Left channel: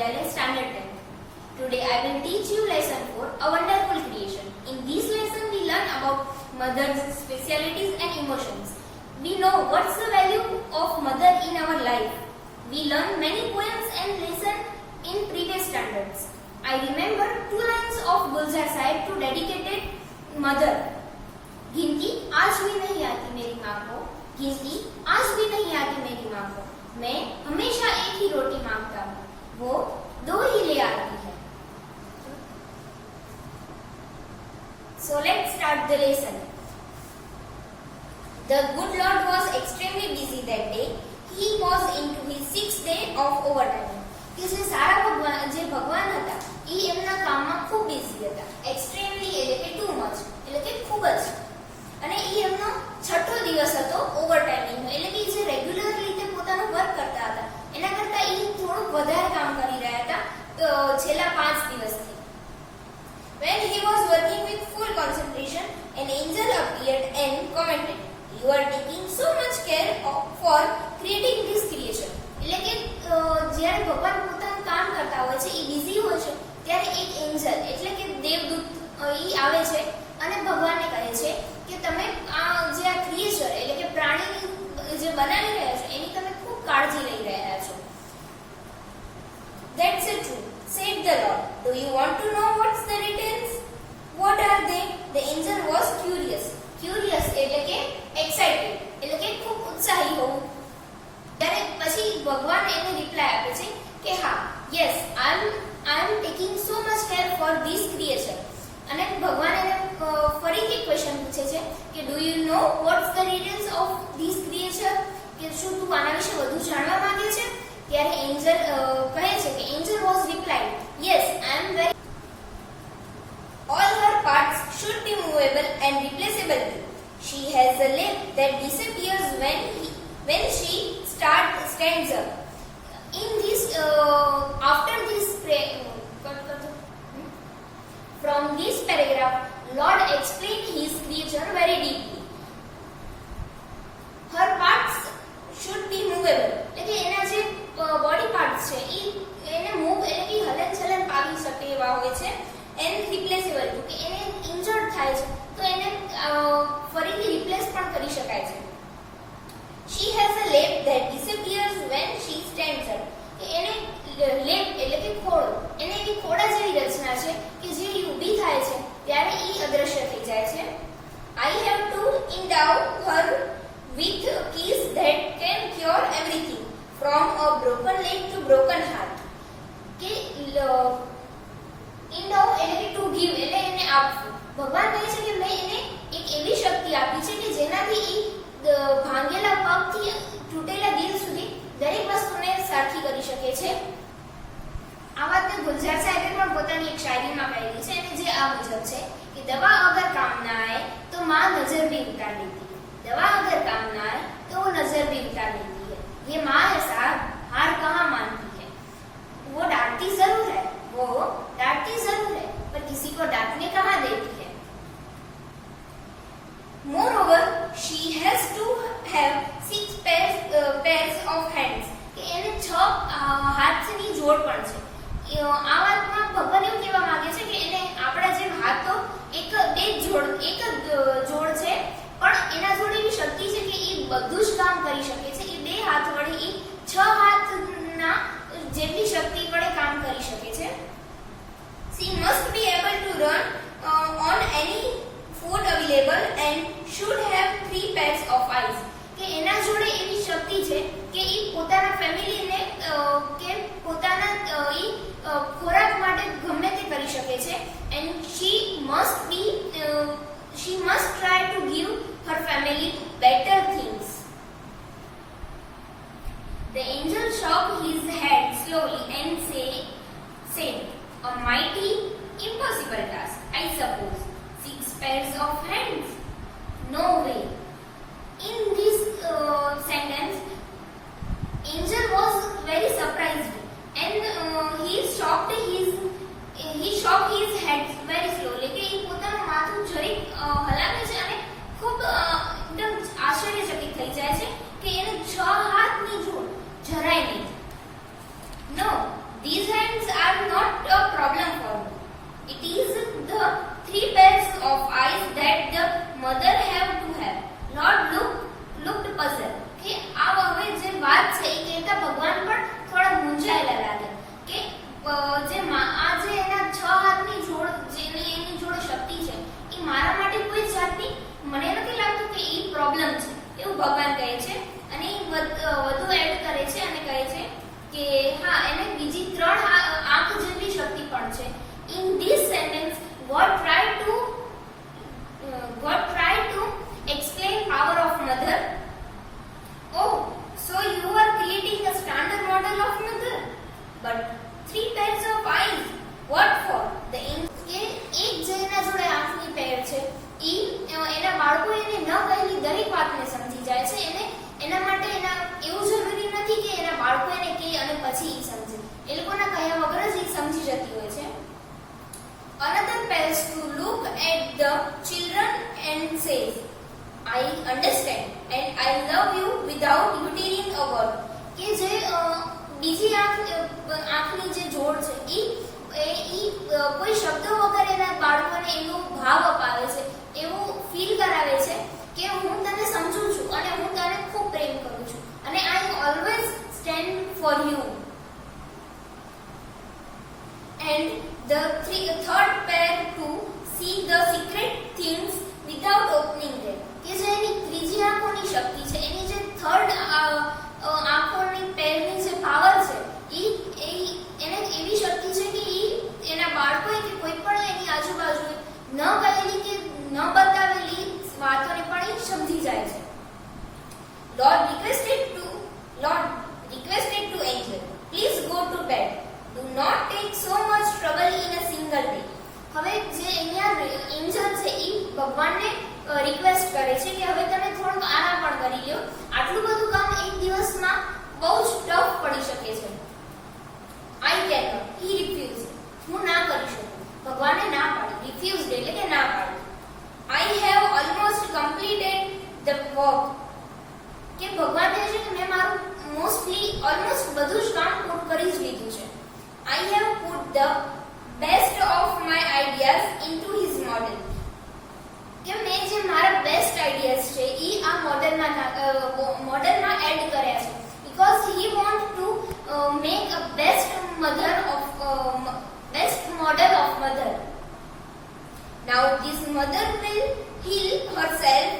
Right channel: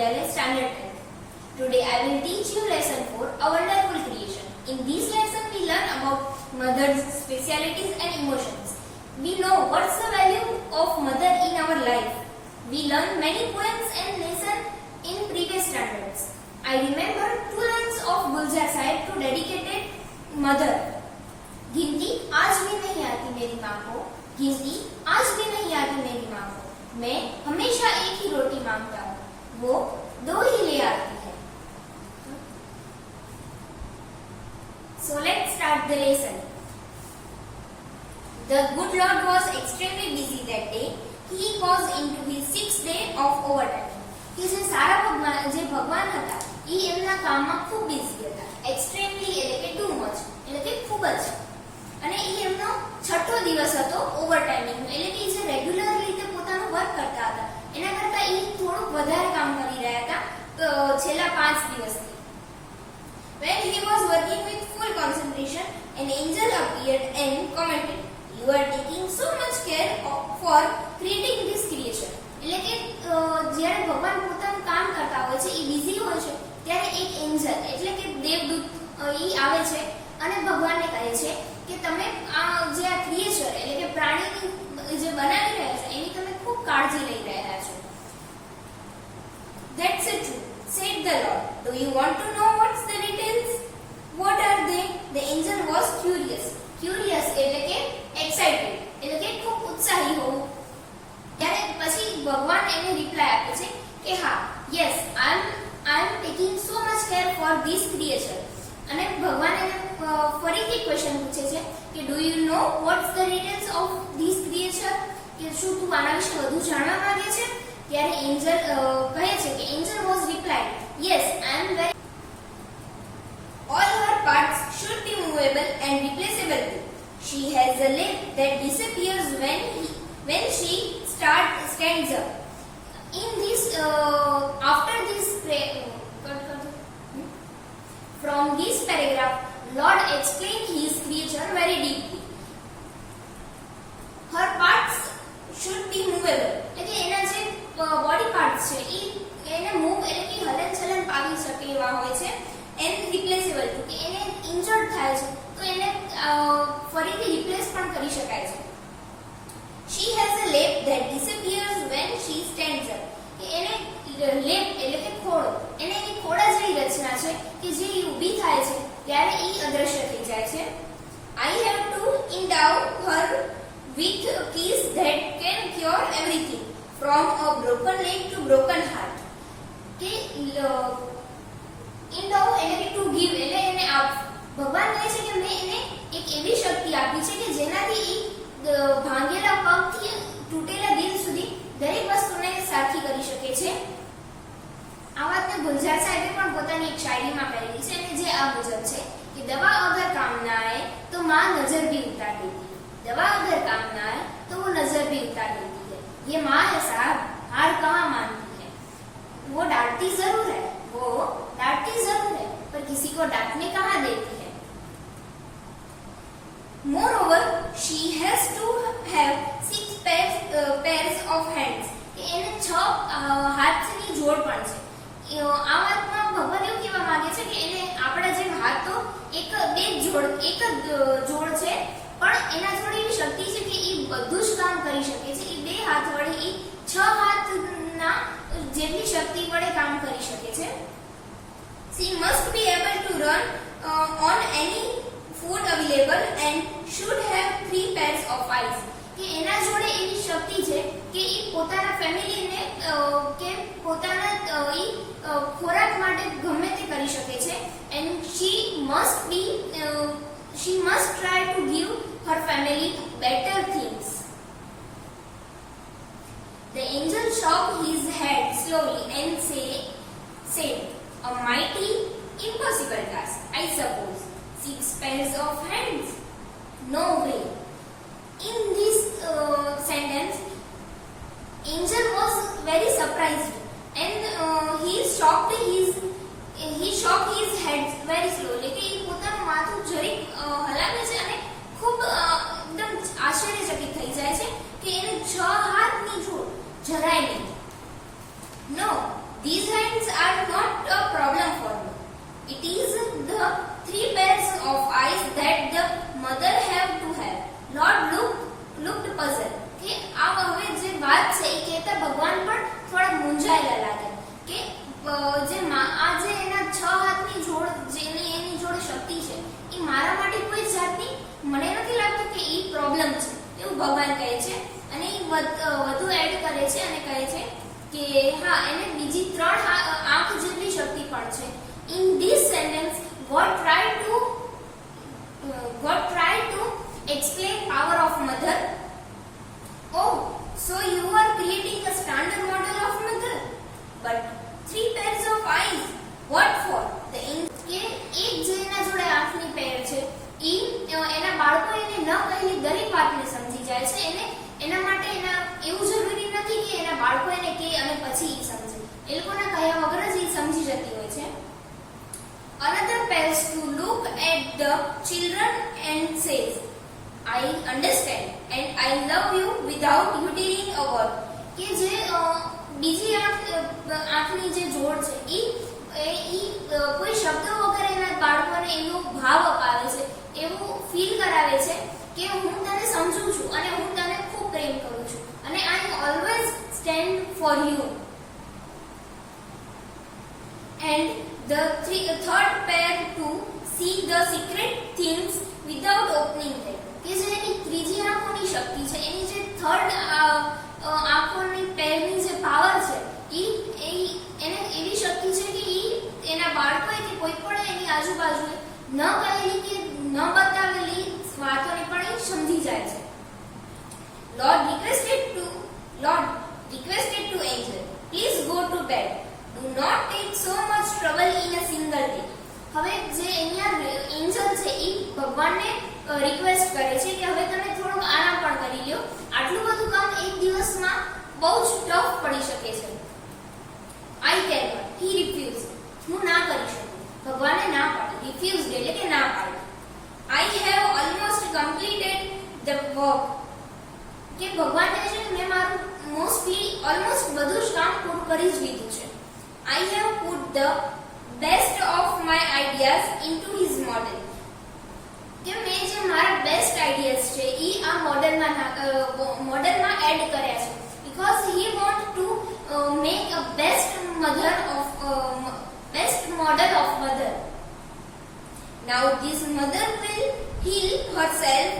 Vidyalaya Standard 10. Today I will teach you lesson 4, A Wonderful Creation. In this lesson we learn about mother's specialities and emotions. We know what's the value of mother in our life. We learn many poems and lessons in previous standards. I remember 2 lines of Gulzar Sahib to dedicated mother. गिनती आज भी नहीं आती मेरी माँ को, गिनती आज भी नहीं आती मेरी माँ को, मैं हमेशा एक ही रोटी मांगता हूँ, वो 2 ही ले आती है. So let's start the lesson. The good Lord was extremely busy that day. He was into his 6th day of overtime. કે જે સારા ભગવાન જે ભગવાન હતા એ એમના કામમાં ખૂબ બિઝી હતા. એક્સ્ટ્રીમલી એટલે કે ટુ મચ એટલે કે ખૂબ જ, અને એ એમનો 6થો દિવસ હતો ઓવર ટાઈમિંગ એટલે કે જે રેગ્યુલર રીતે પોતાનું વર્ક કરતા હતા એના કરતા એ થોડુંક વધારે કામ કરી રહ્યા હતા છેલ્લા 5 દિવસથી. When he was working with full concentration, an angel appeared and commented, "You are taking so much care for creating this creation." એટલે કે જ્યારે ભગવાન પોતાનું કામ કરતા હોય છે એ બિઝી હોય છે ત્યારે એક એન્જલ એટલે કે દેવદૂત એ આવે છે અને ભગવાનને કહે છે કે તમે જે આ ક્રિએચર એટલે કે પ્રાણીની જે બનાવી રહ્યા છો એની તમે ખૂબ કાળજી લઈ રહ્યા છો. That's it true, said the Lord. Do you want to know what's the details? What are they? The angel was curious. Curious એટલે કે excited એટલે કે ખૂબ ઉત્સાહી હોવું. ત્યારે પછી ભગવાન એને રિપ્લાય આપે છે કે હા, yes, I am taking so much care for this creature. અને ભગવાન એને ફરીથી ક્વેશ્ચન પૂછે છે કે do you know what's the details of this creature, કે શું તું આના વિશે વધુ જાણવા માંગે છે? ત્યારે એન્જલ કહે છે કે Angel was replied, yes, I am very all her parts should be movable and replaceable too. She has a limb that disappears when she stands up. In this after this from this paragraph, Lord explained his creature very deeply. Her parts should be movable. એટલે એના જે body parts છે એને move એટલે કે હલનચલન પામી શકે એવા હોય છે. એન્ડ રિપ્લેસેબલ ટુ કે એને ઇન્જર્ડ થાય છે તો એને ફરીથી રિપ્લેસ પણ કરી શકાય છે. She has a leg that disappears when she stands up. કે એને લેગ એટલે કે ખોળો, એને એવી ખોડા જેવી રચના છે કે જે ઊભી થાય છે ત્યારે એ અદ્રશ્ય થઈ જાય છે. I have to endow her with keys that can cure everything from a broken leg to broken heart. કે endow એટલે કે to give એટલે એને આપવું. ભગવાન કહે છે કે મેં એને એક એવી શક્તિ આપી છે કે જેનાથી એ ભાંગેલા પગથી તૂટેલા દિલ સુધી દરેક વસ્તુને સારખી કરી શકે છે. આ વાતને ગુલઝાર સાહેબે પણ પોતાની એક શાયરીમાં કહેલી છે અને જે આ મુજબ છે કે દવા અગર કામ ના આए तो माँ नजर भी उतार देती है, दवा अगर काम ना आए तो वो नजर भी उतार देती है. ये माँ है साहब, हार कहाँ मानती है. वो डांटती जरूर है, वो डांटती जरूर है, पर किसी को डांटने कहाँ देती है. Moreover, she has to have 6 pairs of hands. કે એને 6 હાથની જોડ પણ છે. આ વાતમાં ભગવાન એવું કહેવા માંગે છે કે એને આપણા જેમ હાથ તો એક જોડ છે પણ એના જોડે એવી શક્તિ છે કે એ બધું જ કામ કરી શકે છે. એ 2 હાથ વડે એ 6 હાથના જેટલી શક્તિ વડે કામ કરી શકે છે. She must be able to run on any food available and should have 3 pairs of eyes. કે એના જોડે એવી શક્તિ છે કે એ પોતાના ફેમિલીને કે પોતાના ખોરાક માટે ગમે તે કરી શકે છે. and she must try to give her family better things. The angel shook his head slowly and said, a mighty impossible task, I suppose. 6 pairs of hands? No way. In this sentence, angel was very surprised and he shocked his head very slowly. કે એ પોતાનું માથું જરીક હલાવે છે અને ખૂબ એકદમ આશ્ચર્યચકિત થઈ જાય છે કે એને 6 હાથની જોડ જરાય નહીં. No, these hands hands are not a problem for me. It is the 3 pairs of eyes that the mother have to have. Lord looked puzzled. કે આ હવે જે વાત છે એ કહેતા ભગવાન પણ થોડા મૂંઝાયેલા લાગ્યા કે જે આ જે એના 6 હાથની જોડ જેની એની જોડે શક્તિ છે એ મારા માટે કોઈ જાતની મને નથી લાગતું કે એ પ્રોબ્લેમ છે એવું ભગવાન કહે છે અને વધુ એડ કરે છે અને કહે છે કે હા એને બીજી 3 આંખ જેટલી શક્તિ પણ છે. In this sentence God tried to explain power of mother. Oh, so you are creating a standard model of mother, but 3 pairs of eyes, what for? The કે એક જે એના જોડે આંખની પેર છે ઈ એના બાળકો એને ન કહેલી દરેક વાતને સમજી જાય છે. એના માટે એના એવું જરૂરી નથી કે એના બાળકો એને કહે અને પછી ઈ સમજે. એ લોકોના કહ્યા વગર જ ઈ સમજી જતી હોય છે. Another pairs to look at the children and says, I understand and I love you without uttering a word. કે જે બીજી આંખની જે જોડ છે ઈ કોઈ શબ્દ વગર એના બાળકોને એનો ભાવ અપાવે છે, એવું ફીલ કરાવે છે કે હું તને સમજુ છું અને હું તને ખૂબ પ્રેમ કરું છું અને I always stand for you. And the third pair to see the secret things without opening them. કે જે એની ત્રીજી આંખોની શક્તિ છે, એની જે થર્ડ આંખોની પેરની જે પાવર છે એને એવી શક્તિ છે કે એના બાળકોએ કે કોઈ પણ એની આજુબાજુએ ન કહેલી કે ન બતાવેલી વાતોને પણ એ સમજી જાય છે. Lord requested to angel, please go to bed. Do not take so much trouble in a single day. હવે જે અહીંયા એન્જલ છે એ ભગવાનને રિક્વેસ્ટ કરે છે કે હવે તમે થોડુંક આરામ પણ કરી લ્યો, આટલું બધું કામ એક દિવસમાં બહુ જ ટફ પડી શકે છે. I cannot, he refused. હું ના કરી શકું. ભગવાને ના પાડી. refused એટલે કે ના પાડી. I have almost completed the work. કે ભગવાન કહે છે કે મેં મારું ઓલમોસ્ટ બધું જ કામ પૂરું કરી જ લીધું છે. I have put the best of my ideas into his model. કે મેં જે મારા બેસ્ટ આઈડિયાઝ છે એ આ મોડેલમાં એડ કર્યા છે because he want to make a best model of mother. Now this mother will heal herself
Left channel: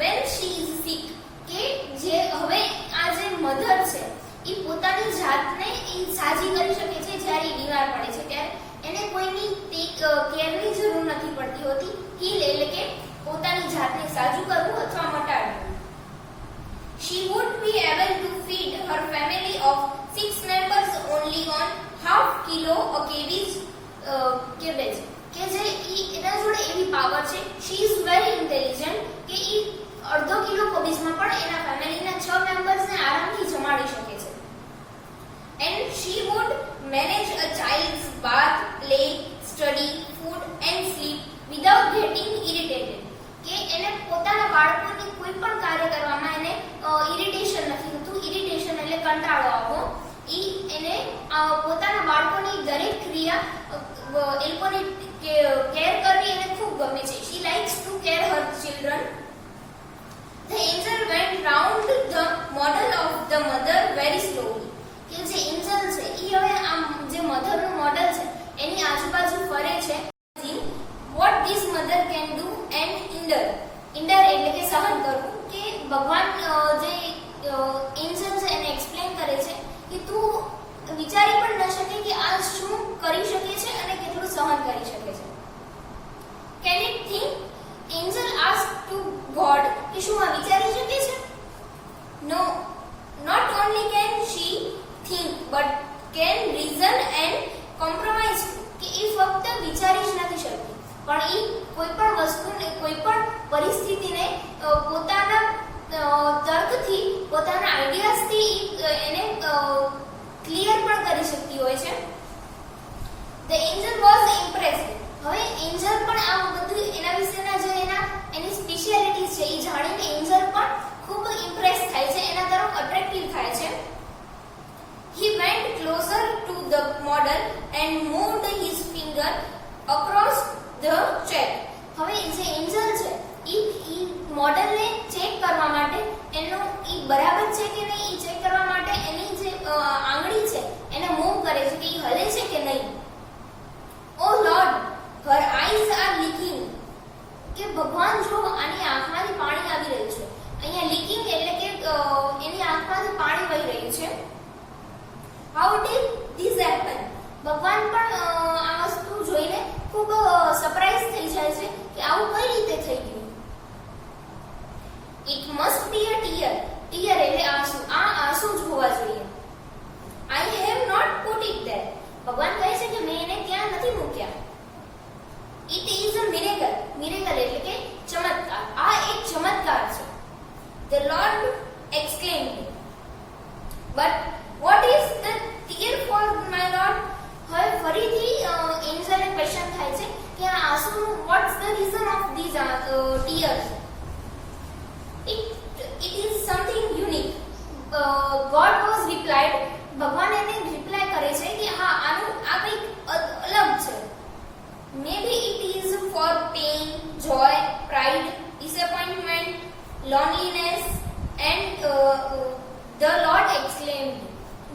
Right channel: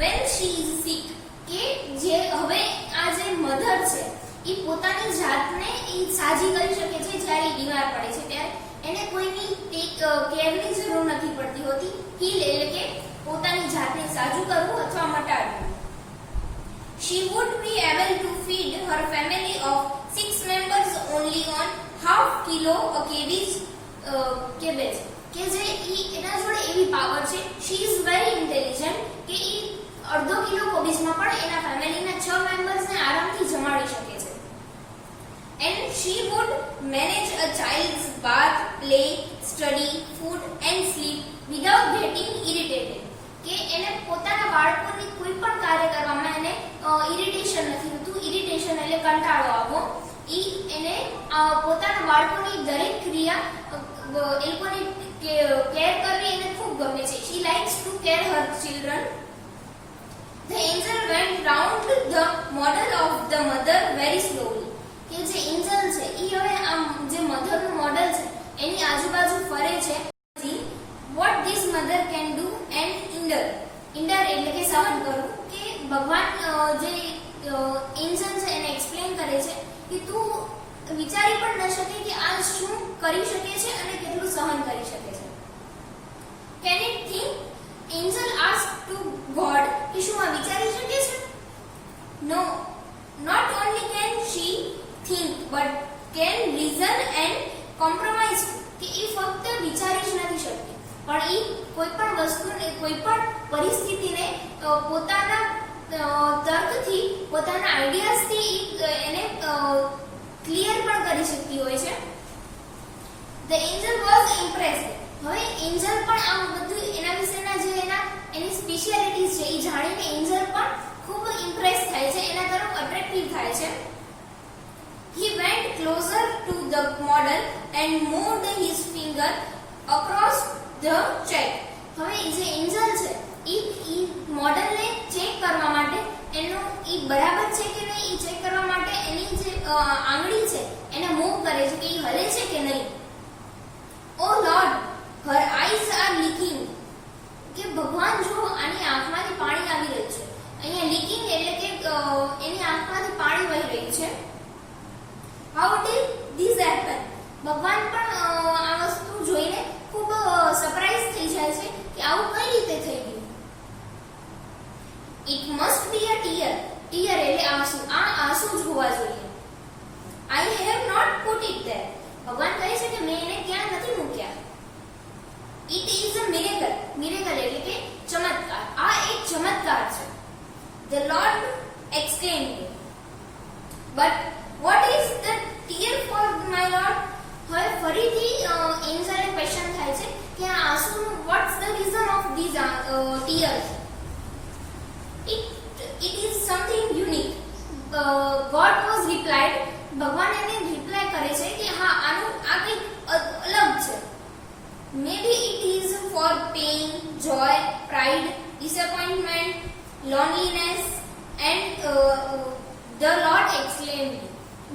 when she is sick. કે જે હવે આ જે મધર છે એ પોતાની જાતને એ સાજી કરી શકે છે જ્યારે એ બીમાર પડે છે ત્યારે એને કોઈની કેરની જરૂર નથી પડતી હોતી. હીલ એટલે કે પોતાની જાતને સાજુ કરવું અથવા મટાડવું. She would be able to feed her family of 6 members only on half kilo a cabbage. કે જે એના જોડે એવી પાવર છે. She is very intelligent કે એ અડધો કિલો કોબીજમાં પણ એના ફેમિલીના 6 મેમ્બર્સને આરામથી જમાડી શકે છે. And she would manage a child's bath, play, study, food and sleep without getting irritated. કે એને પોતાના બાળકોની કોઈ પણ કાર્ય કરવામાં એને ઇરિટેશન નથી થતું. ઇરિટેશન એટલે કંટાળો આવવો. એને પોતાના બાળકોની દરેક ક્રિયા એ લોકોની કેર કરવી એને ખૂબ ગમે છે. She likes to care her children. The angel went round the model of the mother very slowly. કે જે એન્જલ છે એ હવે આમ જે મધરનું મોડલ છે એની આજુબાજુ ફરે છે. What this mother can do and endure એટલે કે સહન કરવું. કે ભગવાન જે એન્જલ છે એને એક્સપ્લેન કરે છે કે તું વિચારી પણ ન શકે કે આ શું કરી શકે છે અને કેટલું સહન કરી શકે છે. Can it think? Angel asked to God કે શું આ વિચારી શકે છે? No, not only can she think but can reason and compromise. કે એ ફક્ત વિચારી જ નથી શકતી પણ એ કોઈ પણ વસ્તુને કોઈ પણ પરિસ્થિતિને પોતાના તર્કથી પોતાના આઈડિયાઝથી એને ક્લિયર પણ કરી શકતી હોય છે. The angel was impressed. હવે એન્જલ પણ આ બધું એના વિશેના જે એની સ્પેશિયાલિટીઝ છે એ જાણીને એન્જલ પણ ખૂબ ઇમ્પ્રેસ થાય છે, એના તરફ અટ્રેક્ટિવ થાય છે. He went closer to the the model and moved his finger across the check. હવે જે એન્જલ છે ઈ મોડલને ચેક કરવા માટે એનું ઈ બરાબર છે કે નહીં ઈ ચેક કરવા માટે એની જે આંગળી છે એને મૂવ કરે છે કે ઈ હલે છે કે નહીં. ઓ lord, her eyes are leaking. કે ભગવાન જો આની આંખમાંથી પાણી આવી રહ્યું છે. અહીંયા લીકિંગ એટલે કે એની આંખમાંથી પાણી વહી રહ્યું છે. How did this happen? ભગવાન પણ આ વસ્તુ જોઈને ખૂબ સરપ્રાઈઝ થઈ જાય છે કે આવું કઈ રીતે થઈ ગયું. It must be a tear. tear એટલે આંસુ. આ આંસુ જ હોવા જોઈએ. I have not put it there. ભગવાન કહે છે કે મેં એને ત્યાં નથી મૂક્યા. It is a miracle. miracle એટલે કે ચમત્કાર. આ એક ચમત્કાર છે. The Lord exclaimed. But what is the tear for, my Lord? હવે ફરીથી એન્જલને ક્વેશ્ચન થાય છે કે આ આંસુ what's the reason of these tears? It is something unique. God was replied. ભગવાન એને રિપ્લાય કરે છે કે હા આનું આ કંઈક અલગ છે. Maybe it is for pain, joy, pride, disappointment, loneliness, and the Lord exclaimed.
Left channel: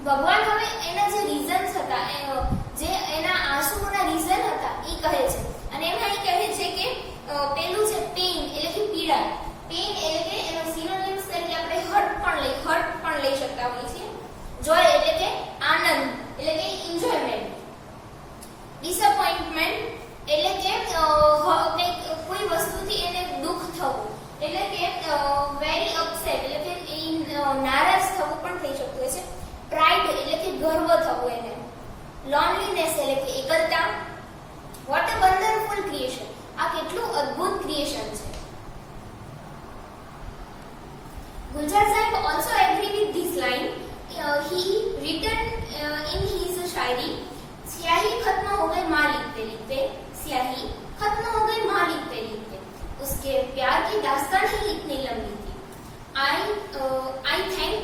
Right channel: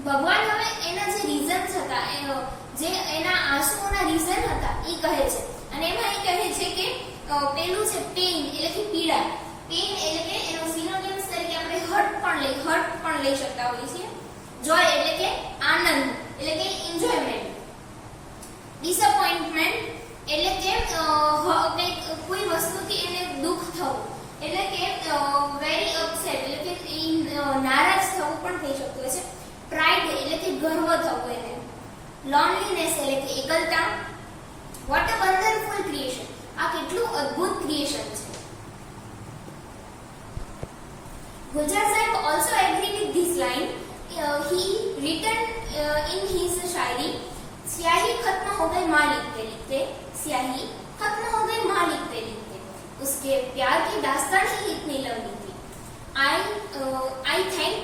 ભગવાન હવે એના જે રીઝન્સ હતા જે એના આંસુઓના રીઝન હતા એ કહે છે અને એમાં એ કહે છે કે પેલું છે પેઇન એટલે કે પીડા. પેઇન એટલે કે એનો સિનોનિમ્સ તરીકે આપણે હર્ટ પણ લઈ શકતા હોઈએ છીએ. જોય એટલે કે આનંદ એટલે કે એન્જોયમેન્ટ. ડિસઅપોઇન્ટમેન્ટ એટલે કે કોઈ વસ્તુથી એને દુઃખ થવું એટલે કે વેરી અપસેટ એટલે કે નારાજ થવું પણ થઈ શકતું હોય છે. પ્રાઇડ એટલે કે ગર્વ થવું એને. લોનલીનેસ એટલે કે એકલતા. What a wonderful creation. આ કેટલું અદ્ભુત ક્રિએશન છે. ગુલજાર સાહેબ also agree with this line. He written in his शायरी, स्याही खत्म हो गई माँ लिखते लिखते, स्याही खत्म हो गई माँ लिखते लिखते, उसके प्यार की दास्तान ही इतनी लंबी थी. I thank